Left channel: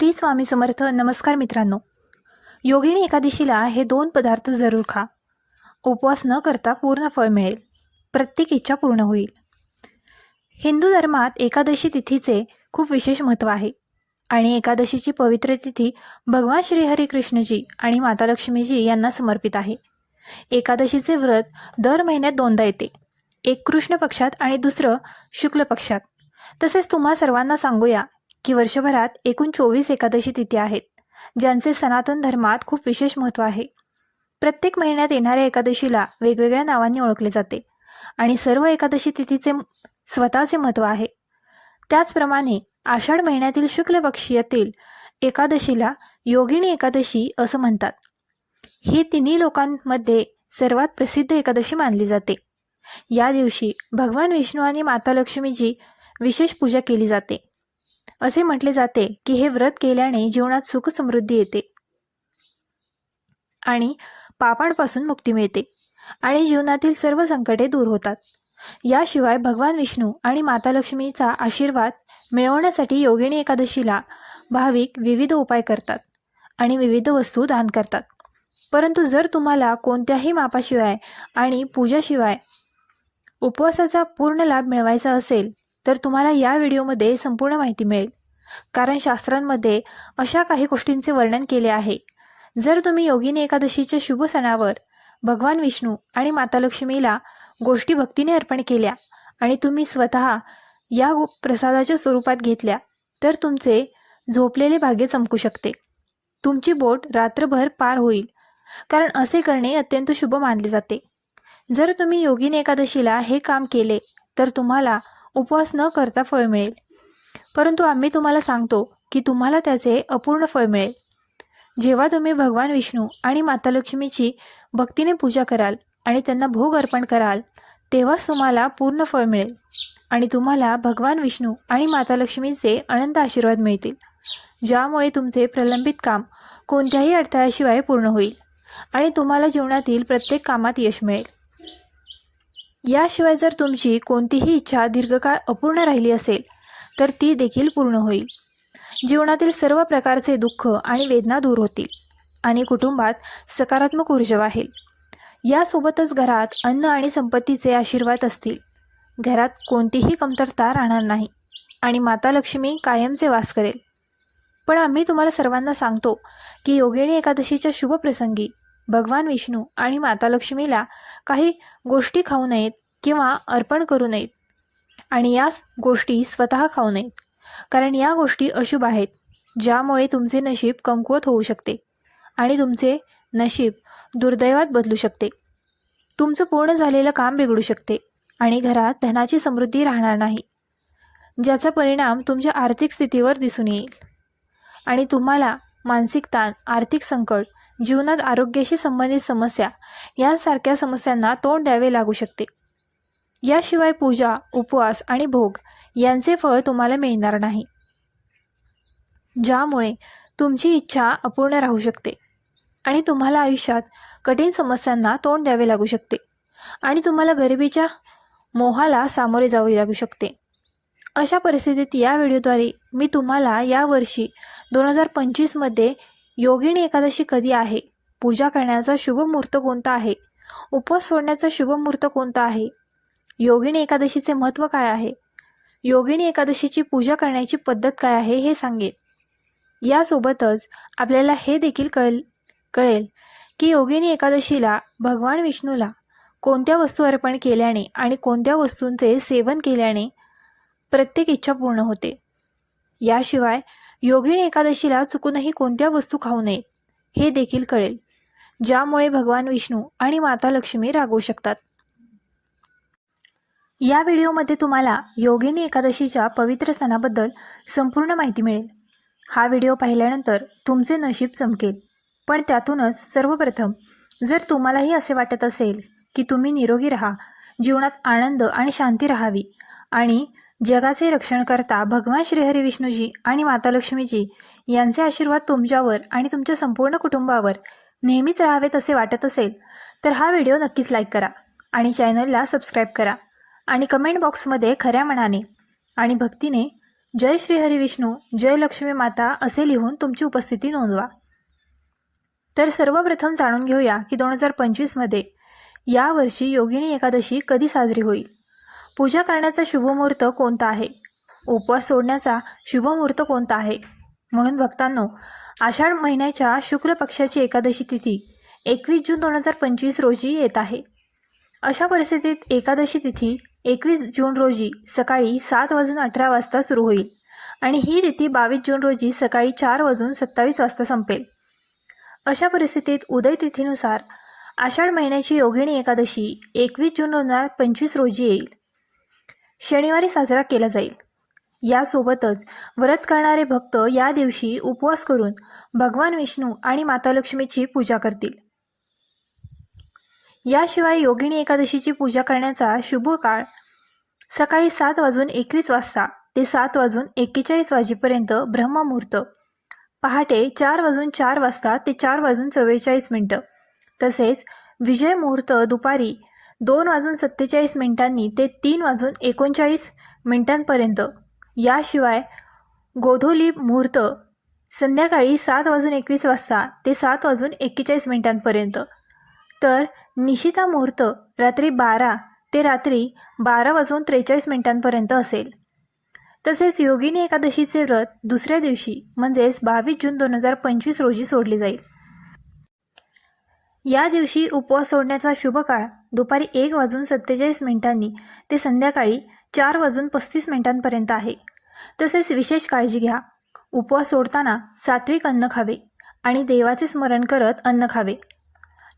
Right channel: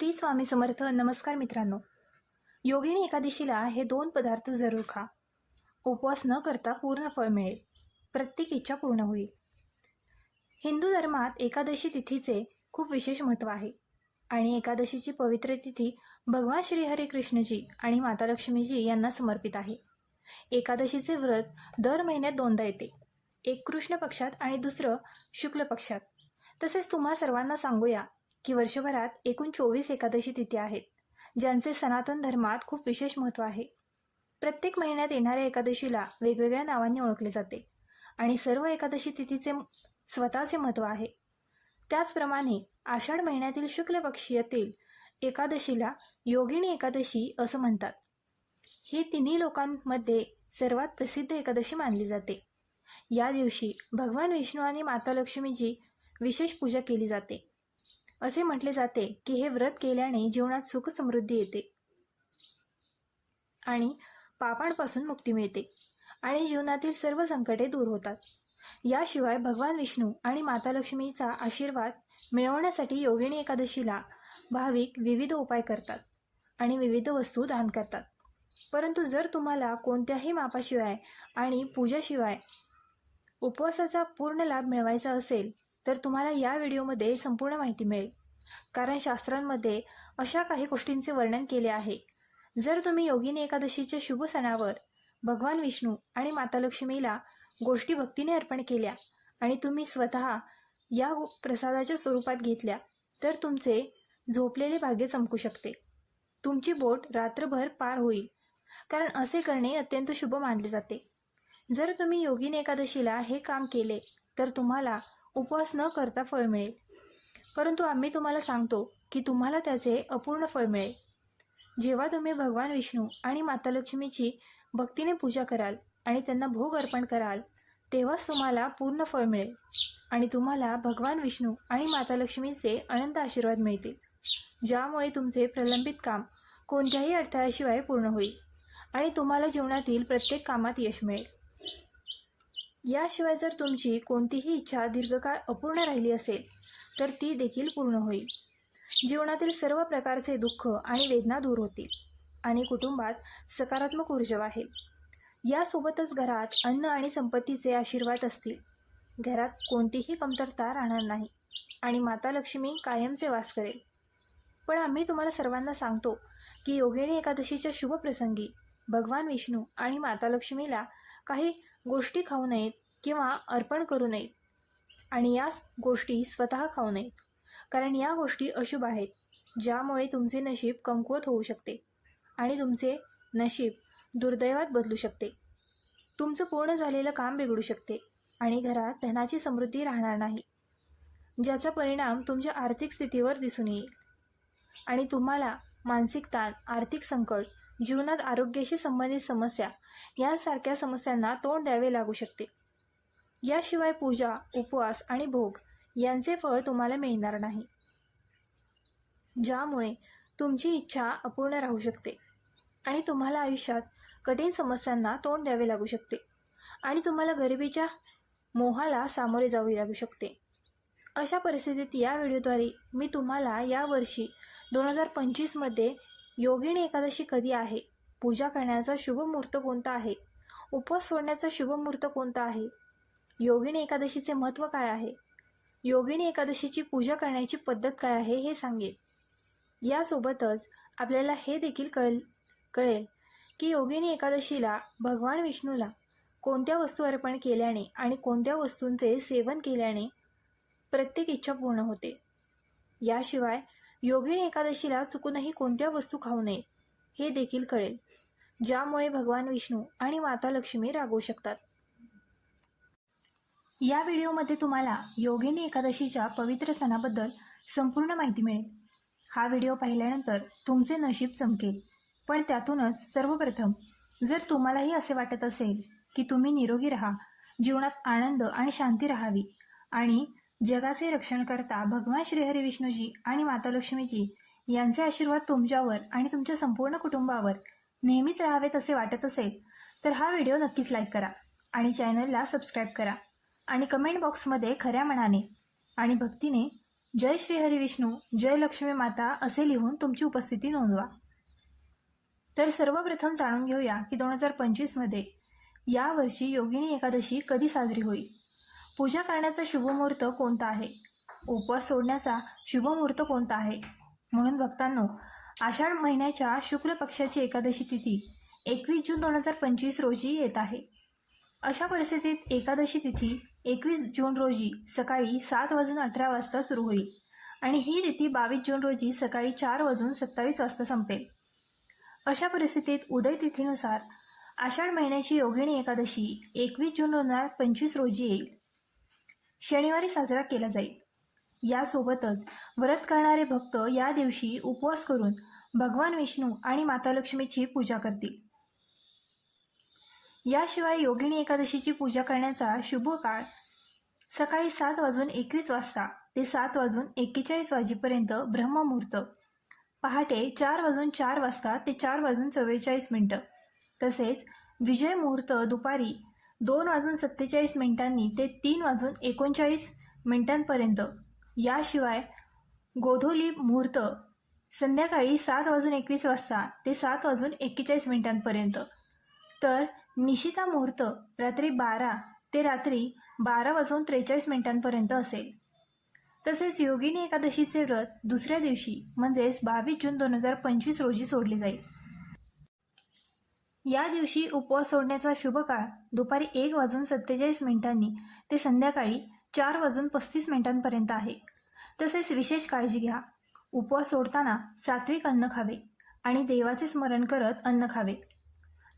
श्री स्वामी समर्थ. नमस्कार मित्रांनो. योगिनी एकादशीला हे दोन पदार्थ जरूर खा. उपवास न करता पूर्ण फळ मिळेल. प्रत्येक इच्छा पूर्ण होईल. हिंदू धर्मात एकादशी तिथीचे खूप विशेष महत्त्व आहे. आणि एकादशीची पवित्र तिथी भगवान श्रीहरिकृष्णजी आणि माता लक्ष्मीजी यांना समर्पित आहे. एकादशीचे व्रत दर महिन्यात दोनदा येते. एक कृष्ण पक्षात आणि दुसरं शुक्ल पक्षात. तसेच तुम्हा सर्वांना सांगूया की वर्षभरात एकूण चोवीस एकादशी तिथी आहेत ज्यांचे सनातन धर्मात खूप विशेष महत्त्व आहे. प्रत्येक महिन्यात येणाऱ्या एकादशीला वेगवेगळ्या नावांनी ओळखले जाते आणि सर्व एकादशी तिथीचे स्वतःचे महत्त्व आहे. त्याचप्रमाणे आषाढ महिन्यातील शुक्ल पक्षीयातील एकादशीला योगिनी एकादशी असं म्हणतात. ही तिन्ही लोकांमध्ये सर्वात प्रसिद्ध एकादशी मानली जाते. या दिवशी भगवान विष्णू आणि माता लक्ष्मीची विशेष पूजा केली जाते. असे म्हटले जाते की हे व्रत केल्याने जीवनात सुख समृद्धी येते आणि पापांपासून मुक्ती मिळते आणि जीवनातील सर्व संकटे दूर होतात. याशिवाय भगवान विष्णू आणि माता लक्ष्मीचा आशीर्वाद मिळवण्यासाठी योगिनी एकादशीला भाविक विविध उपाय करतात आणि विविध वस्तू दान करतात. परंतु जर तुम्हाला कोणत्याही मापाशिवाय आणि पूजाशिवाय उपवासाचा पूर्ण लाभ मिळवायचा असेल तर तुम्हाला या व्हिडिओमध्ये संपूर्ण माहिती मिळेल. कारण शास्त्रांमध्ये अशा काही गोष्टींचे वर्णन केले आहे. जर तुम्ही योगिनी एकादशीच्या शुभ सणावर भगवान विष्णू आणि माता लक्ष्मीला गोष्टी भक्तीने अर्पण केल्या आणि तुम्ही स्वतः या प्रसादाच्या स्वरूपात घेतल्या तर तुमचे झोपलेले भाग्य चमकू शकते. तुमची बोट रात्रभर पार होईल कारण असे करणे अत्यंत शुभ मानले जाते. जर तुम्ही योगिनी एकादशीला हे काम केले तर तुम्हाला उपवास न करता फळ मिळेल. परंतु आम्ही तुम्हाला सांगतो की तुम्हाला त्याचे अपूर्ण फळ मिळेल. जेव्हा तुम्ही भगवान विष्णू आणि माता लक्ष्मीची भक्तीने पूजा कराल आणि त्यांना भोग अर्पण कराल तेव्हाच तुम्हाला पूर्ण फळ मिळेल आणि तुम्हाला भगवान विष्णू आणि माता लक्ष्मीचे अनंत आशीर्वाद मिळतील ज्यामुळे तुमचे प्रलंबित काम कोणत्याही अडथळ्याशिवाय पूर्ण होईल आणि तुम्हाला जीवनातील प्रत्येक कामात यश मिळेल. याशिवाय जर तुमची कोणतीही इच्छा दीर्घकाळ अपूर्ण राहिली असेल तर ती देखील पूर्ण होईल. जीवनातील सर्व प्रकारचे दुःख आणि वेदना दूर होतील आणि कुटुंबात सकारात्मक ऊर्जा वाहेल. यासोबतच घरात अन्न आणि संपत्तीचे आशीर्वाद असतील. घरात कोणतीही कमतरता राहणार नाही आणि माता लक्ष्मी कायमचे वास करेल. पण आम्ही तुम्हाला सर्वांना सांगतो की योगिणी एकादशीच्या शुभप्रसंगी भगवान विष्णू आणि माता लक्ष्मीला काही गोष्टी खाऊ नयेत किंवा अर्पण करू नयेत. आणि याच गोष्टी स्वतः खाऊ नयेत. कारण या गोष्टी अशुभ आहेत ज्यामुळे तुमचे नशीब कमकुवत होऊ शकते आणि तुमचे नशीब दुर्दैवात बदलू शकते. तुमचं पूर्ण झालेलं काम बिघडू शकते आणि घरात धनाची समृद्धी राहणार नाही ज्याचा परिणाम तुमच्या आर्थिक स्थितीवर दिसून येईल. आणि तुम्हाला मानसिक ताण आर्थिक संकट जीवनात आरोग्याशी संबंधित समस्या यासारख्या समस्यांना तोंड द्यावे लागू शकते. याशिवाय पूजा उपवास आणि भोग यांचे फळ तुम्हाला मिळणार नाही. ज्यामुळे तुमची इच्छा अपूर्ण राहू शकते आणि तुम्हाला आयुष्यात कठीण समस्यांना तोंड द्यावे लागू शकते आणि तुम्हाला गरिबीच्या मोहाला सामोरे जावे लागू शकते. अशा परिस्थितीत या व्हिडिओद्वारे मी तुम्हाला यावर्षी दोन हजार पंचवीसमध्ये योगिनी एकादशी कधी आहे? पूजा करण्याचा शुभ मुहूर्त कोणता आहे? उपवास सोडण्याचा शुभ मुहूर्त कोणता आहे? योगिनी एकादशीचे महत्त्व काय आहे? योगिनी एकादशीची पूजा करण्याची पद्धत काय आहे हे सांगेल. यासोबतच आपल्याला हे देखील कळेल कळेल की योगिनी एकादशीला भगवान विष्णूला कोणत्या वस्तू अर्पण केल्याने आणि कोणत्या वस्तूंचे सेवन केल्याने प्रत्येक इच्छा पूर्ण होते. याशिवाय योगिनी एकादशीला चुकूनही कोणत्या वस्तू खाऊ नये हे देखील कळेल ज्यामुळे भगवान विष्णू आणि माता लक्ष्मी रागवू शकतात. या व्हिडिओमध्ये तुम्हाला योगिनी एकादशीच्या पवित्र सणाबद्दल संपूर्ण माहिती मिळेल. हा व्हिडिओ पाहिल्यानंतर तुमचे नशीब चमकेल. पण त्यातूनच सर्वप्रथम जर तुम्हालाही असे वाटत असेल की तुम्ही निरोगी राहा जीवनात आनंद आणि शांती राहावी आणि जगाचे रक्षण करता भगवान श्रीहरी विष्णूजी आणि माता लक्ष्मीजी यांचे आशीर्वाद तुमच्यावर आणि तुमच्या संपूर्ण कुटुंबावर नेहमीच राहावेत असे वाटत असेल तर हा व्हिडिओ नक्कीच लाईक करा आणि चॅनलला सबस्क्राईब करा आणि कमेंट बॉक्समध्ये खऱ्या मनाने आणि भक्तीने जय श्रीहरी विष्णू जय लक्ष्मी माता असे लिहून तुमची उपस्थिती नोंदवा. तर सर्वप्रथम जाणून घेऊया की दोन हजार पंचवीसमध्ये यावर्षी योगिनी एकादशी कधी साजरी होईल? पूजा करण्याचा शुभमुहूर्त कोणता आहे? उपवास सोडण्याचा शुभमुहूर्त कोणता आहे? म्हणून भक्तांनो आषाढ महिन्याच्या शुक्ल पक्षाची एकादशी तिथी एकवीस जून दोन हजार पंचवीस रोजी येत आहे. अशा परिस्थितीत एकादशी तिथी एकवीस जून रोजी सकाळी सात वाजून अठरा वाजता सुरू होईल आणि ही तिथी बावीस जून रोजी सकाळी चार वाजून सत्तावीस वाजता संपेल. अशा परिस्थितीत उदय तिथीनुसार आषाढ महिन्याची योगिनी एकादशी एकवीस जून दोन हजार पंचवीस रोजी येईल. शनिवारी साजरा केला जाईल. यासोबतच व्रत करणारे भक्त या दिवशी उपवास करून भगवान विष्णू आणि माता लक्ष्मीची पूजा करतील. याशिवाय योगिनी एकादशीची पूजा करण्याचा शुभ काळ सकाळी सात वाजून एकवीस वाजता ते सात वाजून एक्केचाळीस वाजेपर्यंत ब्रह्ममुहूर्त. पहाटे चार वाजून चार वाजता ते चार वाजून चव्वेचाळीस मिनटं. तसेच विजय मुहूर्त दुपारी दोन वाजून सत्तेचाळीस मिनिटांनी ते तीन वाजून एकोणचाळीस मिनिटांपर्यंत. याशिवाय गोधोली मुहूर्त संध्याकाळी सात वाजून एकवीस वाजता ते सात वाजून एक्केचाळीस मिनिटांपर्यंत. तर निशिता मुहूर्त रात्री बारा ते रात्री बारा वाजून त्रेचाळीस मिनिटांपर्यंत असेल. तसेच योगिनी एकादशीचे व्रत दुसऱ्या दिवशी म्हणजेच बावीस जून दोन हजार पंचवीस रोजी सोडले जाईल. या दिवशी उपवास सोडण्याचा शुभ काळ दुपारी एक वाजून सत्तेचाळीस मिनिटांनी ते संध्याकाळी चार वाजून पस्तीस मिनिटांपर्यंत आहे. तसेच विशेष काळजी घ्या. उपवास सोडताना सात्विक अन्न खावे आणि देवाचे स्मरण करत अन्न खावे.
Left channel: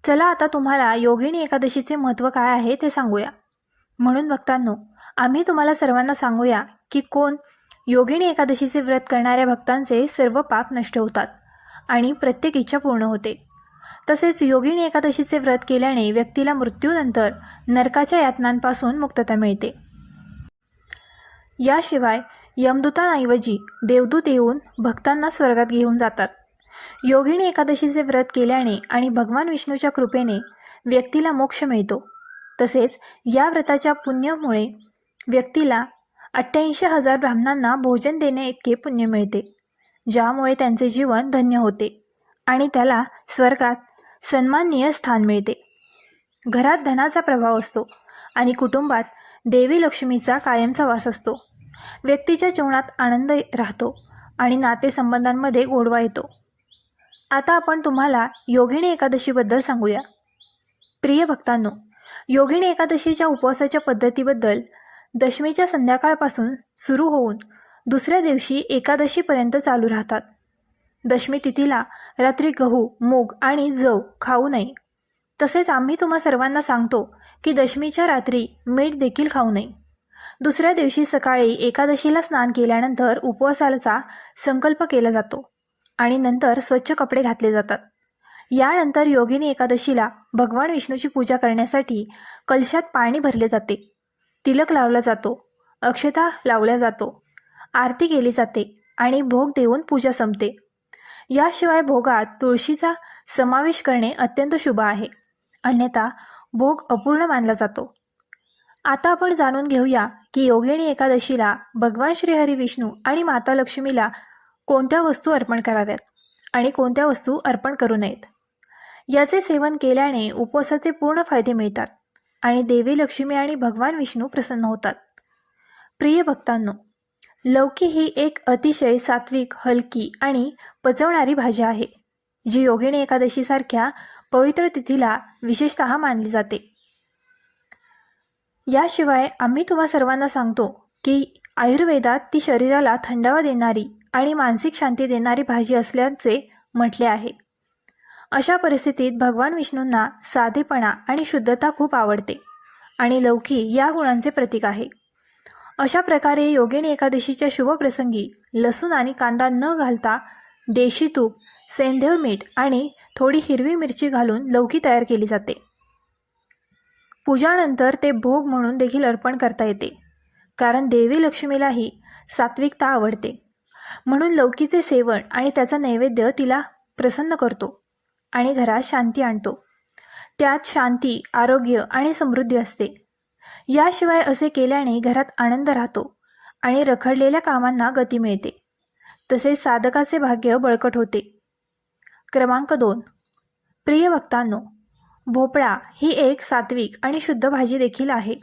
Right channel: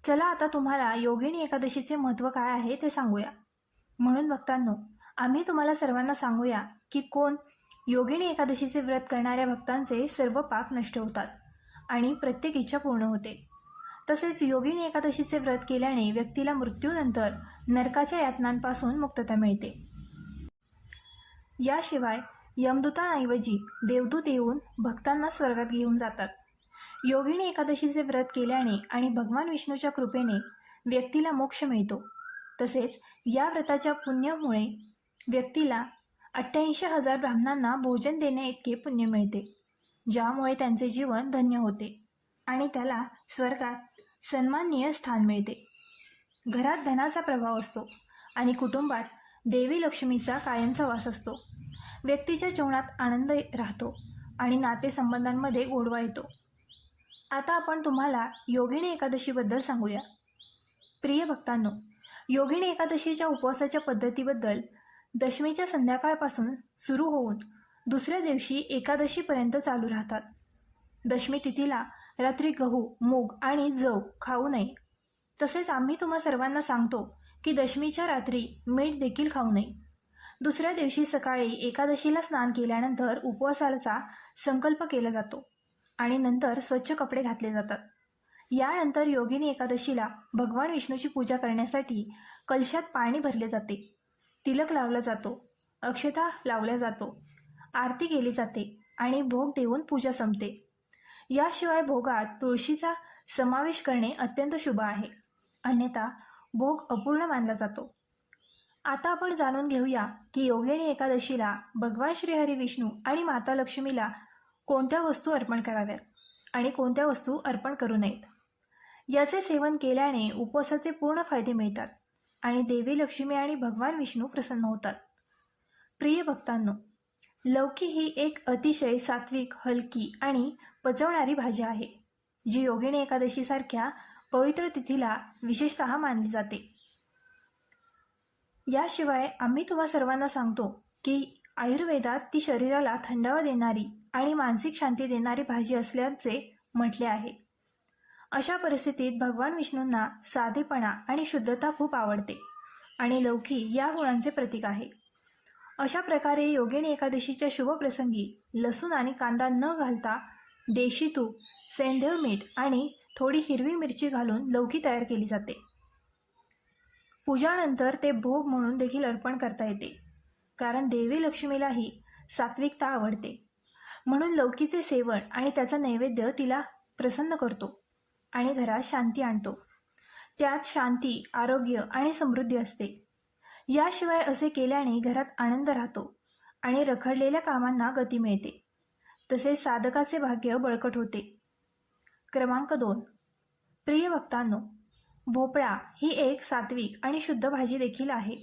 चला आता तुम्हाला योगिनी एकादशीचे महत्त्व काय आहे ते सांगूया. म्हणून भक्तांनो आम्ही तुम्हाला सर्वांना सांगूया की कोण योगिणी एकादशीचे व्रत करणाऱ्या भक्तांचे सर्व पाप नष्ट होतात आणि प्रत्येक इच्छा पूर्ण होते. तसेच योगिनी एकादशीचे व्रत केल्याने व्यक्तीला मृत्यूनंतर नरकाच्या यातनांपासून मुक्तता मिळते. याशिवाय यमदूतांऐवजी देवदूत येऊन भक्तांना स्वर्गात घेऊन जातात. योगिनी एकादशीचे व्रत केल्याने आणि भगवान विष्णूच्या कृपेने व्यक्तीला मोक्ष मिळतो. तसेच या व्रताच्या पुण्यामुळे व्यक्तीला अठ्ठ्याऐंशी हजार ब्राह्मणांना भोजन देणे इतके पुण्य मिळते ज्यामुळे त्यांचे जीवन धन्य होते आणि त्याला स्वर्गात सन्माननीय स्थान मिळते. घरात धनाचा प्रभाव असतो आणि कुटुंबात देवी लक्ष्मीचा कायमचा वास असतो. व्यक्तीच्या जीवनात आनंद राहतो आणि नातेसंबंधांमध्ये गोडवा येतो. आता आपण तुम्हाला योगिनी एकादशीबद्दल सांगूया. प्रिय भक्तांनो योगिणी एकादशीच्या उपवासाच्या पद्धतीबद्दल दशमीच्या संध्याकाळपासून सुरू होऊन दुसऱ्या दिवशी एकादशीपर्यंत चालू राहतात. दशमी तिथीला रात्री गहू मूग आणि जव खाऊ नये. तसेच आम्ही तुम्हा सर्वांना सांगतो की दशमीच्या रात्री मीठ देखील खाऊ नये. दुसऱ्या दिवशी सकाळी एकादशीला स्नान केल्यानंतर उपवासाचा संकल्प केला जातो आणि नंतर स्वच्छ कपडे घातले जातात. यानंतर योगिनी एकादशीला भगवान विष्णूची पूजा करण्यासाठी कलशात पाणी भरले जाते. तिलक लावला जातो अक्षता लावला जातो आरती केली जाते आणि भोग देऊन पूजा संपते. याशिवाय भोगात तुळशीचा समावेश करणे अत्यंत शुभ आहे. अन्यथा भोग अपूर्ण मानला जातो. आता आपण जाणून घेऊया की योगिणी एकादशीला भगवान श्रीहरी विष्णू आणि माता लक्ष्मीला कोणत्या वस्तू अर्पण कराव्यात आणि कोणत्या वस्तू अर्पण करू नयेत? याचे सेवन केल्याने उपवासाचे पूर्ण फायदे मिळतात आणि देवी लक्ष्मी आणि भगवान विष्णू प्रसन्न होतात. प्रिय भक्तांनो लौकी ही एक अतिशय सात्विक हलकी आणि पचवणारी भाजी आहे जी योगिणी एकादशीसारख्या पवित्र तिथीला विशेषत मानली जाते. याशिवाय आम्ही तुम्हा सर्वांना सांगतो की आयुर्वेदात ती शरीराला थंडावा देणारी आणि मानसिक शांती देणारी भाजी असल्याचे म्हटले आहे. अशा परिस्थितीत भगवान विष्णूंना साधेपणा आणि शुद्धता खूप आवडते आणि लौकी या गुणांचे प्रतीक आहे. अशा प्रकारे योगिणी एकादशीच्या शुभप्रसंगी लसूण आणि कांदा न घालता देशी तूप सेंधव मीठ आणि थोडी हिरवी मिरची घालून लौकी तयार केली जाते. पूजानंतर ते भोग म्हणून देखील अर्पण करता येते कारण देवी लक्ष्मीलाही सात्विकता आवडते. म्हणून लौकीचे सेवन आणि त्याचा नैवेद्य तिला प्रसन्न करतो आणि घरात शांती आणतो. त्यात शांती आरोग्य आणि समृद्धी असते. याशिवाय असे केल्याने घरात आनंद राहतो आणि रखडलेल्या कामांना गती मिळते. तसेच साधकाचे भाग्य बळकट होते. क्रमांक दोन. प्रिय वक्तांनो भोपळा ही एक सात्विक आणि शुद्ध भाजी देखील आहे.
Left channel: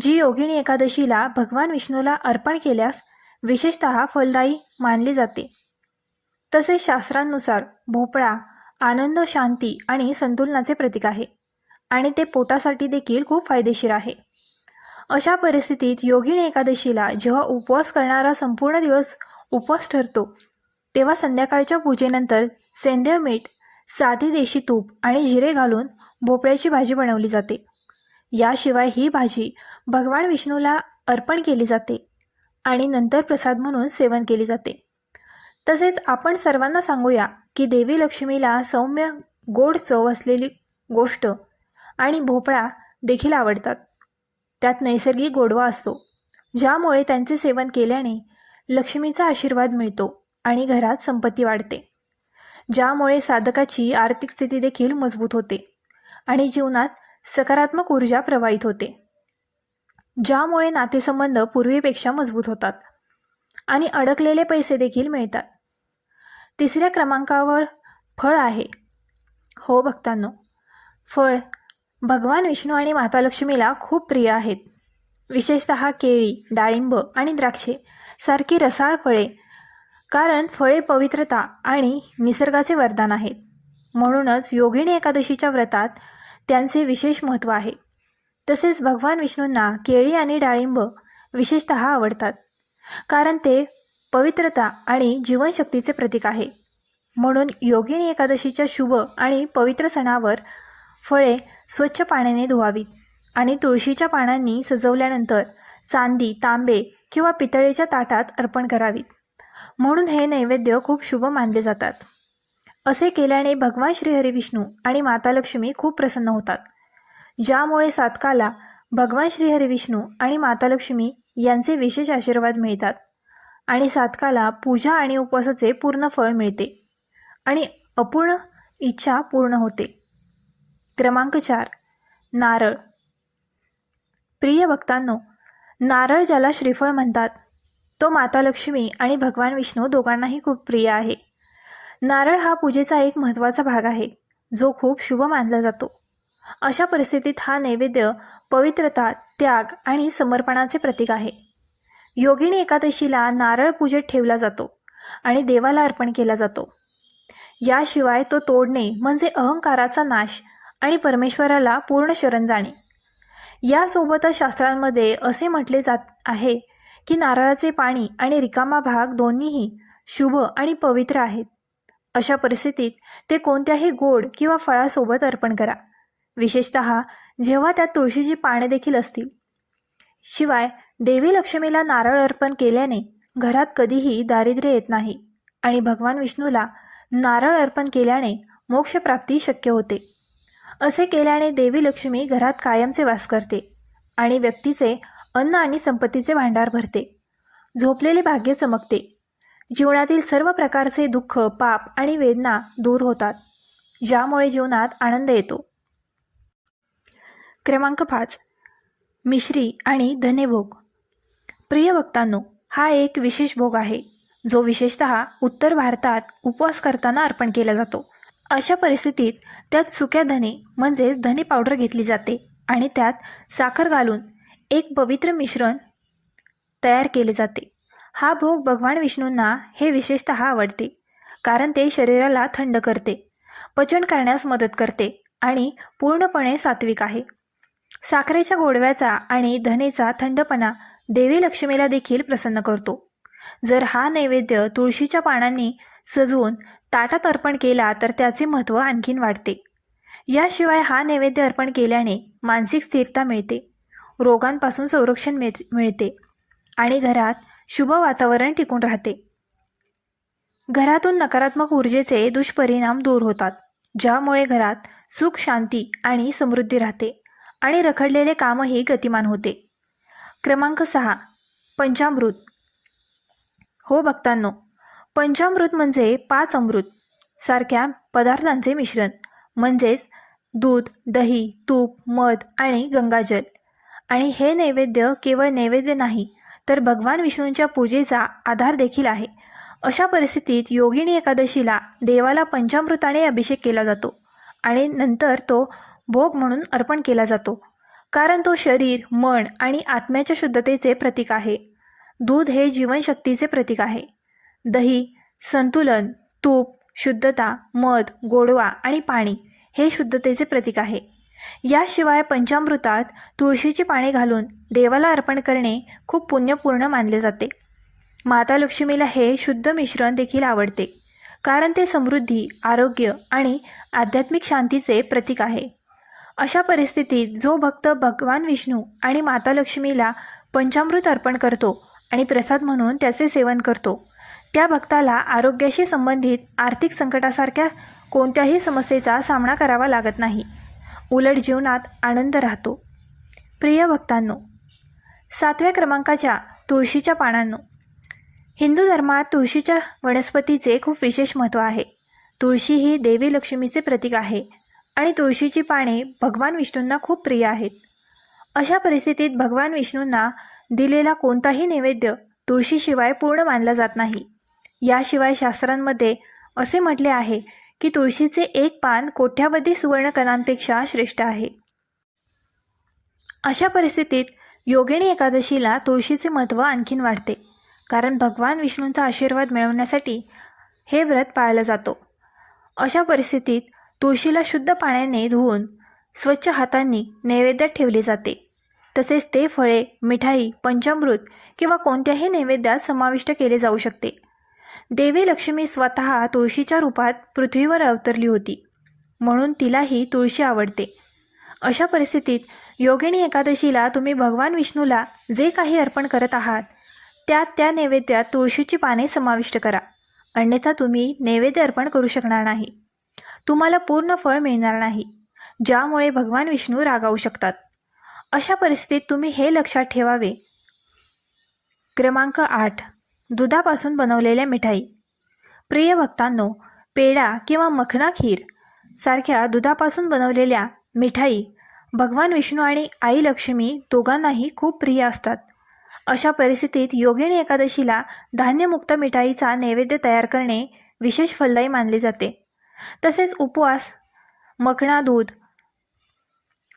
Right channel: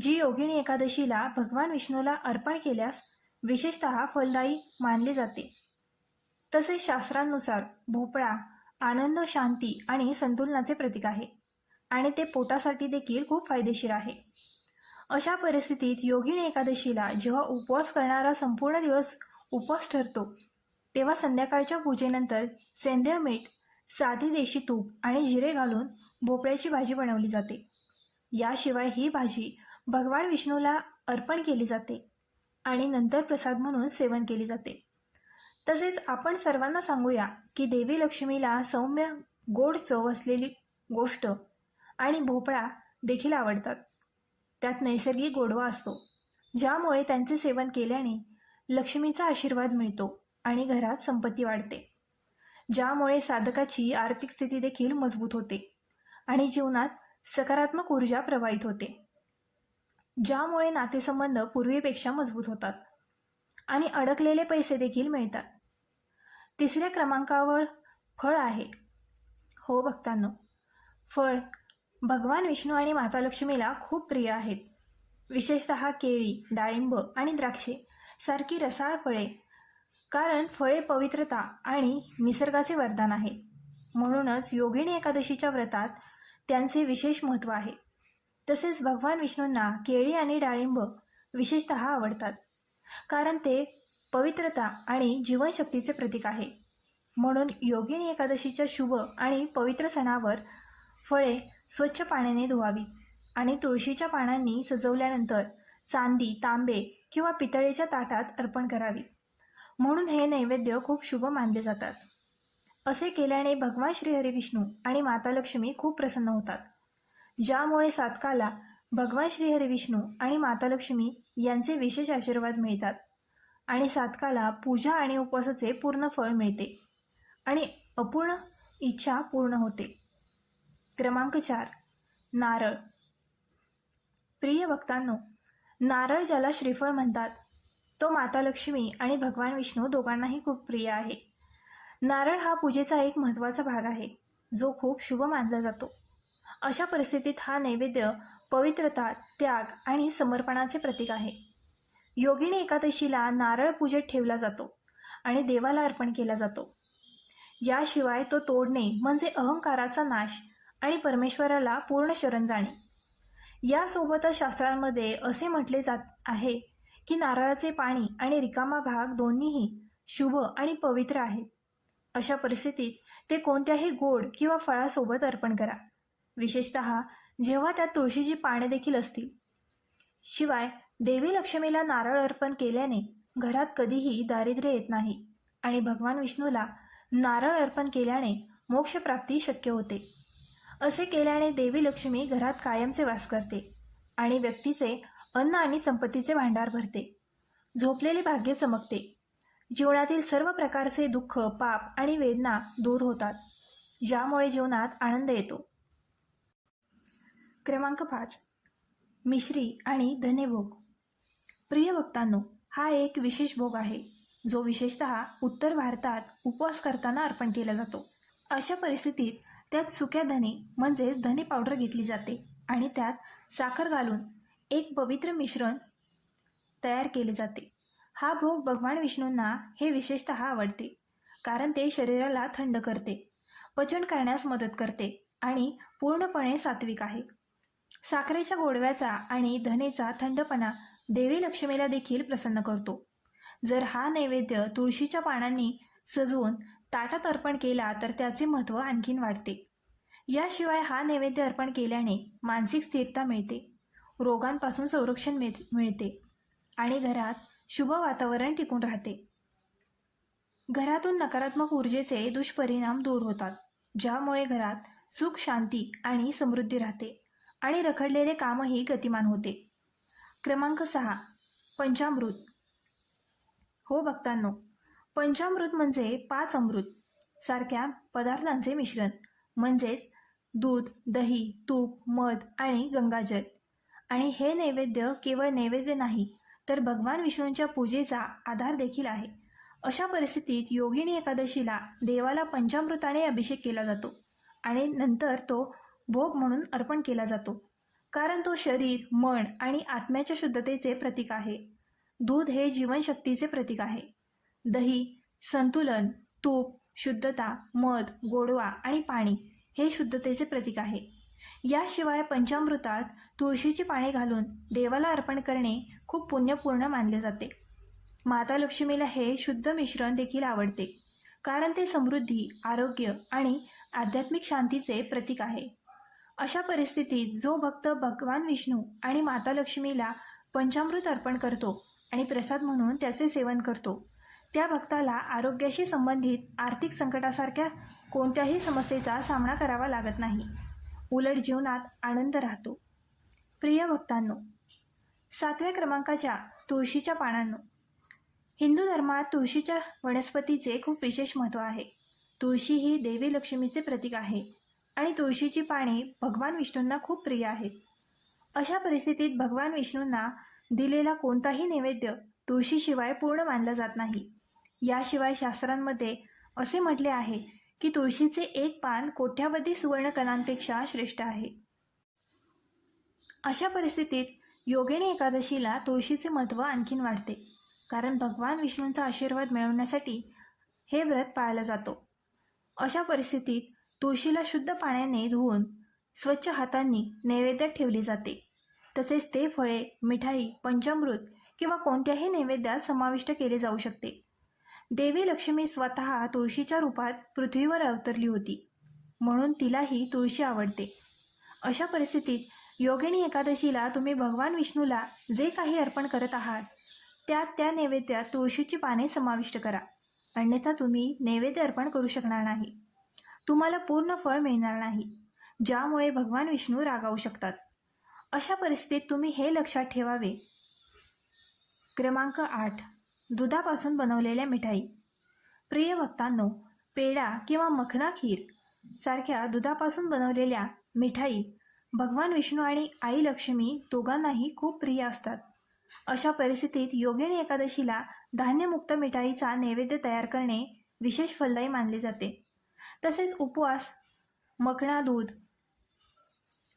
जी योगिनी एकादशीला भगवान विष्णूला अर्पण केल्यास विशेषत फलदायी मानली जाते. तसेच शास्त्रांनुसार भोपळा आनंद शांती आणि संतुलनाचे प्रतीक आहे. आणि ते पोटासाठी देखील खूप फायदेशीर आहे. अशा परिस्थितीत योगिनी एकादशीला जेव्हा उपवास करणारा संपूर्ण दिवस उपवास ठरतो तेव्हा संध्याकाळच्या पूजेनंतर सेंद्रिय मीठ साधी देशी तूप आणि जिरे घालून भोपळ्याची भाजी बनवली जाते. याशिवाय ही भाजी भगवान विष्णूला अर्पण केली जाते आणि नंतर प्रसाद म्हणून सेवन केली जाते. तसेच आपण सर्वांना सांगूया की देवी लक्ष्मीला सौम्य गोड चव असलेली गोष्ट आणि भोपळा देखील आवडतात. त्यात नैसर्गिक गोडवा असतो. ज्यामुळे त्यांचे सेवन केल्याने लक्ष्मीचा आशीर्वाद मिळतो आणि घरात संपत्ती वाढते. ज्यामुळे साधकाची आर्थिक स्थिती देखील मजबूत होते आणि जीवनात सकारात्मक ऊर्जा प्रवाहित होते. ज्यामुळे नातेसंबंध पूर्वीपेक्षा मजबूत होतात आणि अडकलेले पैसे देखील मिळतात. तिसऱ्या क्रमांकावर फळ आहे. हो भक्तांनो. फळ भगवान विष्णू आणि माता लक्ष्मीला खूप प्रिय आहेत. विशेषत केळी डाळिंब आणि द्राक्षे सारखी रसाळ फळे कारण फळे पवित्रता आणि निसर्गाचे वरदान आहेत म्हणूनच योगिनी एकादशीच्या व्रतात त्यांचे विशेष महत्त्व आहे. तसेच भगवान विष्णूंना केळी आणि डाळिंब विशेषत आवडतात कारण ते पवित्रता आणि जीवनशक्तीचे प्रतीक आहे. म्हणून योगिनी एकादशीच्या शुभ आणि पवित्र सणावर फळे स्वच्छ पाण्याने धुवावीत आणि तुळशीच्या पानांनी सजवल्यानंतर चांदी तांबे किंवा पितळेच्या ताटात अर्पण करावीत म्हणून हे नैवेद्य खूप शुभ मानले जातात. असे केल्याने भगवान श्रीहरी विष्णू आणि माता लक्ष्मी खूप प्रसन्न होतात. ज्यामुळे सातकाला भगवान श्रीहरी विष्णू आणि माता लक्ष्मी यांचे विशेष आशीर्वाद मिळतात आणि सातकाला पूजा आणि उपवासाचे पूर्ण फळ मिळते आणि अपूर्ण इच्छा पूर्ण होते. क्रमांक चार नारळ. प्रिय भक्तांनो नारळ ज्याला श्रीफळ म्हणतात तो माता लक्ष्मी आणि भगवान विष्णू दोघांनाही खूप प्रिय आहे. नारळ हा पूजेचा एक महत्त्वाचा भाग आहे जो खूप शुभ मानला जातो. अशा परिस्थितीत हा नैवेद्य पवित्रता त्याग आणि समर्पणाचे प्रतीक आहे. योगिणी एकादशीला नारळ पूजेत ठेवला जातो आणि देवाला अर्पण केला जातो. याशिवाय तो तोडणे म्हणजे अहंकाराचा नाश आणि परमेश्वराला पूर्ण शरण जाणे यासोबतच शास्त्रांमध्ये असे म्हटले जात आहे की नारळाचे पाणी आणि रिकामा भाग दोन्हीही शुभ आणि पवित्र आहेत. अशा परिस्थितीत ते कोणत्याही गोड किंवा फळासोबत अर्पण करा. विशेषत जेव्हा त्यात तुळशीची पाने देखील असतील. शिवाय देवी लक्ष्मीला नारळ अर्पण केल्याने घरात कधीही दारिद्र्य येत नाही आणि भगवान विष्णूला नारळ अर्पण केल्याने मोक्षप्राप्ती शक्य होते. असे केल्याने देवी लक्ष्मी घरात कायमचे वास करते आणि व्यक्तीचे अन्न आणि संपत्तीचे भांडार भरते. झोपलेले भाग्य चमकते. जीवनातील सर्व प्रकारचे दुःख पाप आणि वेदना दूर होतात. ज्यामुळे जीवनात आनंद येतो. क्रमांक पाच. मिश्री आणि धनेभोग. प्रिय भक्तांनो हा एक विशेष भोग आहे जो विशेषतः उत्तर भारतात उपवास करताना अर्पण केला जातो. अशा परिस्थितीत त्यात सुक्या धने म्हणजेच धने पावडर घेतली जाते आणि त्यात साखर घालून एक पवित्र मिश्रण तयार केले जाते. हा भोग भगवान विष्णूंना हे विशेषतः आवडते कारण ते शरीराला थंड करते पचन करण्यास मदत करते आणि पूर्णपणे सात्विक आहे. साखरेच्या गोडव्याचा आणि धनेचा थंडपणा देवी लक्ष्मीला देखील प्रसन्न करतो. जर हा नैवेद्य तुळशीच्या पानांनी सजवून ताटात अर्पण केला तर त्याचे महत्त्व आणखीन वाढते. याशिवाय हा नैवेद्य अर्पण केल्याने मानसिक स्थिरता मिळते रोगांपासून संरक्षण मिळ मिळते आणि घरात शुभ वातावरण टिकून राहते. घरातून नकारात्मक ऊर्जेचे दुष्परिणाम दूर होतात ज्यामुळे घरात सुख शांती आणि समृद्धी राहते आणि रखडलेले कामही गतिमान होते. क्रमांक सहा पंचामृत. हो भक्तांनो पंचामृत म्हणजे पाच अमृत सारख्या पदार्थांचे मिश्रण म्हणजेच दूध दही तूप मध आणि गंगाजल. आणि हे नैवेद्य केवळ नैवेद्य नाही तर भगवान विष्णूंच्या पूजेचा आधार देखील आहे. अशा परिस्थितीत योगिनी एकादशीला देवाला पंचामृताने अभिषेक केला जातो आणि नंतर तो भोग म्हणून अर्पण केला जातो कारण तो शरीर मन आणि आत्म्याच्या शुद्धतेचे प्रतीक आहे. दूध हे जीवनशक्तीचे प्रतीक आहे. दही संतुलन तूप शुद्धता मध गोडवा आणि पाणी हे शुद्धतेचे प्रतीक आहे. याशिवाय पंचामृतात तुळशीची पाने घालून देवाला अर्पण करणे खूप पुण्यपूर्ण मानले जाते. माता लक्ष्मीला हे शुद्ध मिश्रण देखील आवडते कारण ते समृद्धी आरोग्य आणि आध्यात्मिक शांतीचे प्रतीक आहे. अशा परिस्थितीत जो भक्त भगवान विष्णू आणि माता लक्ष्मीला पंचामृत अर्पण करतो आणि प्रसाद म्हणून त्याचे सेवन करतो त्या भक्ताला आरोग्याशी संबंधित आर्थिक संकटासारख्या कोणत्याही समस्येचा सामना करावा लागत नाही. उलट जीवनात आनंद राहतो. प्रिय भक्तांनो सातव्या क्रमांकाच्या तुळशीच्या पानांनो. हिंदू धर्मात तुळशीच्या वनस्पतीचे खूप विशेष महत्त्व आहे. तुळशी ही देवी लक्ष्मीचे प्रतीक आहे आणि तुळशीची पाने भगवान विष्णूंना खूप प्रिय आहेत. अशा परिस्थितीत भगवान विष्णूंना दिलेला कोणताही नैवेद्य तुळशीशिवाय पूर्ण मानला जात नाही. याशिवाय शास्त्रांमध्ये असे म्हटले आहे की तुळशीचे एक पान कोट्यावधी सुवर्णकणांपेक्षा श्रेष्ठ आहे. अशा परिस्थितीत योगिणी एकादशीला तुळशीचे महत्त्व आणखीन वाढते कारण भगवान विष्णूंचा आशीर्वाद मिळवण्यासाठी हे व्रत पाळला जातो. अशा परिस्थितीत तुळशीला शुद्ध पाण्याने धुवून स्वच्छ हातांनी नैवेद्यात ठेवले जाते. तसेच ते फळे मिठाई पंचामृत किंवा कोणत्याही नैवेद्यात समाविष्ट केले जाऊ शकते. देवी लक्ष्मी स्वतः तुळशीच्या रूपात पृथ्वीवर अवतरली होती. म्हणून तिलाही तुळशी आवडते. अशा परिस्थितीत योगिनी एकादशीला तुम्ही भगवान विष्णूला जे काही अर्पण करत आहात त्यात त्या नैवेद्यात तुळशीची पाने समाविष्ट करा. अन्यथा तुम्ही नैवेद्य अर्पण करू शकणार नाही. तुम्हाला पूर्ण फळ मिळणार नाही ज्यामुळे भगवान विष्णू रागावू शकतात. अशा परिस्थितीत तुम्ही हे लक्षात ठेवावे. क्रमांक आठ. दुधापासून बनवलेल्या मिठाई. प्रिय भक्तांनो पेढा किंवा मखना खीर सारख्या दुधापासून बनवलेल्या मिठाई भगवान विष्णू आणि आई लक्ष्मी दोघांनाही खूप प्रिय असतात. अशा परिस्थितीत योगिणी एकादशीला धान्यमुक्त मिठाईचा नैवेद्य तयार करणे विशेष फलदायी मानले जाते. तसेच उपवास मखणा दूध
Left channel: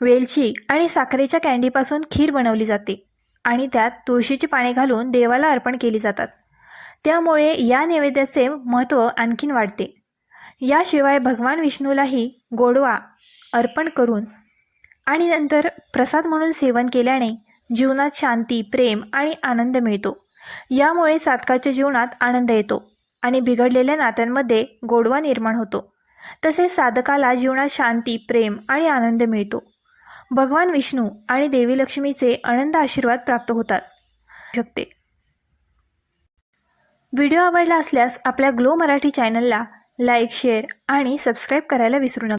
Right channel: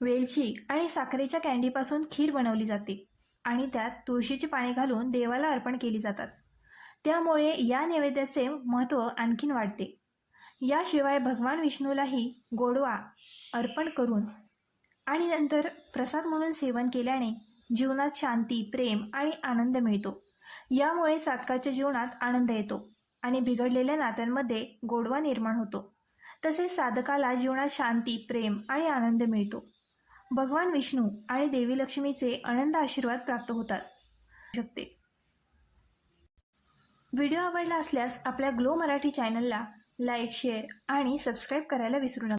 वेलची आणि साखरेच्या कँडीपासून खीर बनवली जाते. आणि त्यात तुळशीची पाने घालून देवाला अर्पण केली जातात. त्यामुळे या नैवेद्याचे महत्त्व आणखीन वाढते. याशिवाय भगवान विष्णूलाही गोडवा अर्पण करून आणि नंतर प्रसाद म्हणून सेवन केल्याने जीवनात शांती प्रेम आणि आनंद मिळतो. यामुळे साधकाच्या जीवनात आनंद येतो आणि बिघडलेल्या नात्यांमध्ये गोडवा निर्माण होतो. तसेच साधकाला जीवनात शांती प्रेम आणि आनंद मिळतो. भगवान विष्णू आणि देवी लक्ष्मीचे अनंत आशीर्वाद प्राप्त होतात. शकते. व्हिडिओ आवडला असल्यास आपल्या ग्लो मराठी चॅनलला लाईक शेअर आणि सबस्क्राईब करायला विसरू नका.